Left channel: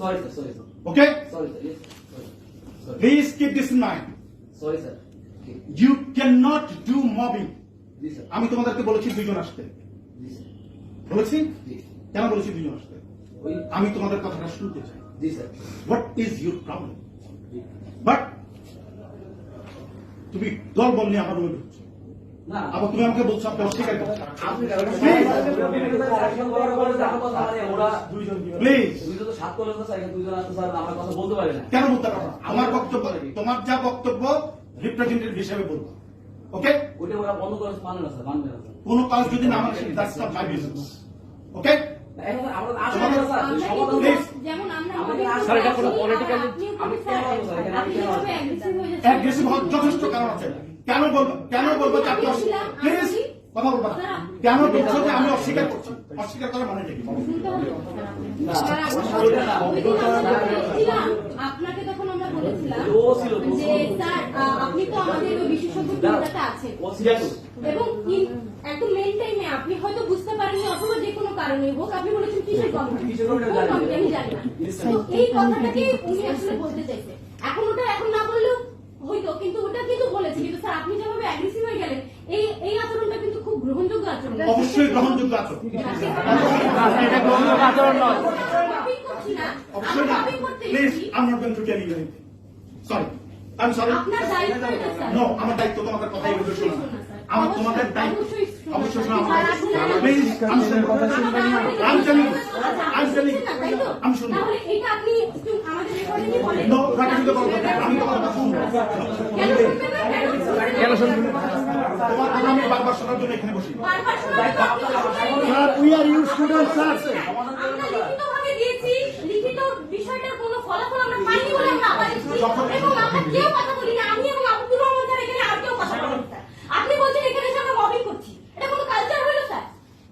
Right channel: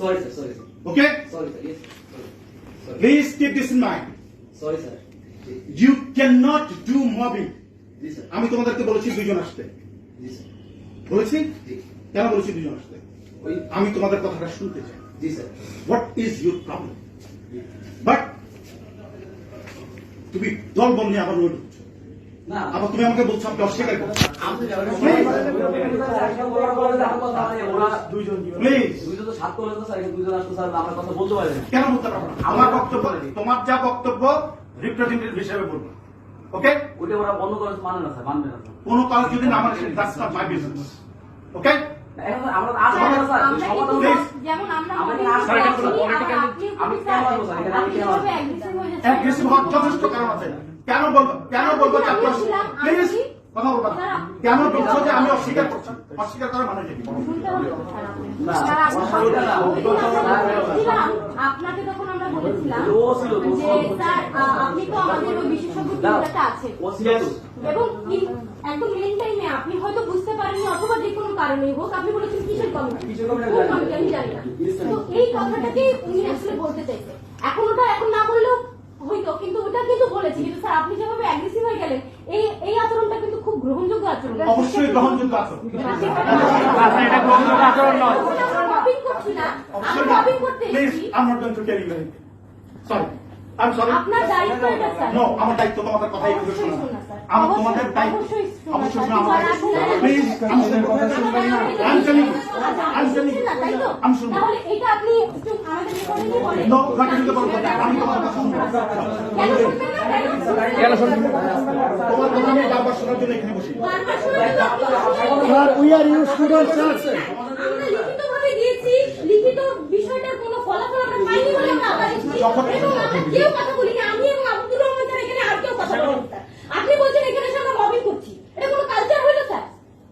Sorry, sir. Sorry, sir. Okay? Sorry, sir. Yes. Sorry. Please keep this in mind. Sorry, sir. You cannot do mobbing. G sir. আমি তোমাদেরকে বলেছি দুজন আসতে। জি sir. বলেছি? জি। কেন বলেছি দুজন আসতে? আমি তোমাদের কথাটা শুনতে চাই। জি sir. What is your problem? But তুমি দল বল নিয়ে আবার রোড উঠছো। না। আবার তুমি আমাকে বলছো আপনি অস্বীকার করছো। আপনি প্লিজ দুইজন তো সাত করলেন তো স্যার, এখানে দুইজন আসতো স্যার, আমার কথা বলতে পারেন না। কেন বলতে পারবো না? আমার বক্তব্য তোমার যা বক্তব্য রিপ্রেজেন্টেটিভ হিসেবে বলবো। ওকে? ওইটা ওরা বন্ধ করে মানে না স্যার, মানবে না স্যার। কোনো কাজ যদি না মানে that's not my business. ওকে? এখন আমরা আসবো না স্যার, আমরা সমাধান কিন্তু Please. যেমন আমরা আমরা মনে কিন্তু করি এটা কোনো আপনি- political- আপনি আমি কেন বলবো স্যার, এখানে আমি আপনি কেন যেভাবে বলবো? aggressive হয়ে যাচ্ছেন- অ্যাগ্রেসিভ হওয়ার যথেষ্ট কারণ আছে। কেন বলবো যে আপনি প্লিজ কথা বলবো না। কেন বলছো যে আমি অস্বীকার করছি? অস্বীকার করার মানে কি? শুনতে হবে তো স্যার আপনি। না, স্যার, ওইটা না, ওই দিন আমরা বলেছিলাম, আপনাকে তখন আমরা বলেছিলাম ও ছিল, ও ছিল। যে স্যার আপনি তো আমাদের ওই বিশেষজ্ঞ টিমটাতে আছেন ও ছিল তো। এবং একদম মেইন টাইমে আপনি হয়তো বুঝতে পারেননি অথবা যে কোনো কারণে হোক আপনি বলেছেন কিসের কমিটি কিসের committee কোন committee আমি জানি না। তো এই কথাটাকে উনি আসলে বলতে চাইছে। এখন ওটা এখন না বললেও হইতো, কিন্তু ওটা কিন্তু বলেছে। কিন্তু স্যার আপনি যেভাবে অ্যাগ্রেসিভ হয়ে গেলেন, এই আচরণটা কিন্তু খুব গ্রহণযোগ্য আচরণ। অবশ্যই গ্রহণযোগ্য আছে। এটা গ্রহণযোগ্য আচরণ নয়। মবিং করছি না, অবশ্যই আমি না। মবিং করতে প্লিজ এসেছি। I'm not going to tell you anything. Sorry. I'm sorry. আপনার দায়িত্ব এটা স্যার। No, আমার দায়িত্ব তোমাদের কথাই কিন্তু অবশ্যই শোনা। শোনা, স্যার। আমার তোমাদের দায়িত্ব অবশ্যই শোনা, অবশ্যই শোনা আমার স্যার। দায়িত্ব। আপনারা please I'm sorry. I'm telling you. আচ্ছা, I'm telling you. তাই তো? I'm শুনবো। তাহলে এটা আপনি একটু আমাদের রেকর্ডিং এ বলেন। No, ঘাটাঘাটি করবো না। আমি তোমার কথা শুনবো। কেন শুনবেন না? কেন শুনবো? তোমার কথা আমি বারবার শোনার জন্য এখানে বসি। বারবার শোনার জন্য আপনি বসেন। Sir, we are you students, sir. আমরা লিখিতভাবে দিয়েছি, লিখিত বিষয়টার কোনো ফলাফল আমরা পাইনি বলে আমরা আবার এসেছি। এবং আমরা কেউ কথা বলিনি, আমি এবং আব্দুর রহমান স্যার এখানে আর কেউ কথা বলেনি স্যার। আপনি বলছেন এখানে এসে আমরা মবিং করছি, এটা কোনো কালচার হইল স্যার?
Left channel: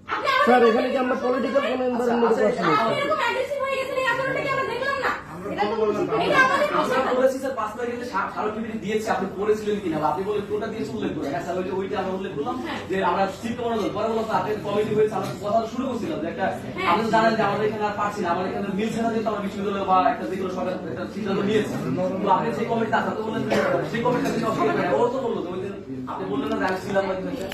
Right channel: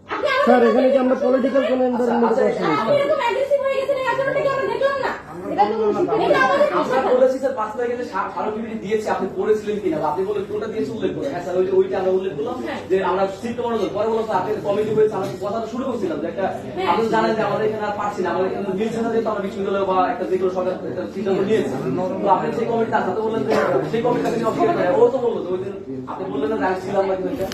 আপনি আমাদের স্যার, এখানে কি আমরা পলিটিক্যাল কোন এনভায়রনমেন্টে করছি না আপনি এরকম অ্যাগ্রেসিভ হয়ে গেছেন, এই আচরণটা কি আমরা দেখলাম না? এটা তো এটা আমাদের আমরা বলেছি স্যার, 5 মিনিটে স্মারকলিপি দিয়েছি, আপনি পড়েছিলেন কিনা, বা আপনি বলে কোনটা দিয়েছি উল্লেখ করে। হ্যাঁ স্যার, ওইটা আমরা উল্লেখ করলাম যে আমরা চিত্ত মনোযোগ পরে বললাম স্যার আপনি কমিটি করেছে, আমরা কথা তো শুরু করছিলাম যে একটা আপনি জানেন যে আমাদের এখানে আর পারছি না, আমাদের এখানে মিল ছাড়া যেহেতু আমরা বিশ্ববিদ্যালয় বা একটা যে কোনো সরকার একটা সিদ্ধান্ত নিয়েছে, তো আপনি সেই কমিটি আসতে বললেন, সেই কমিটি ও তো বললো যে ওই দিন আপনি বললেন না যে আসছিলাম না কিন্তু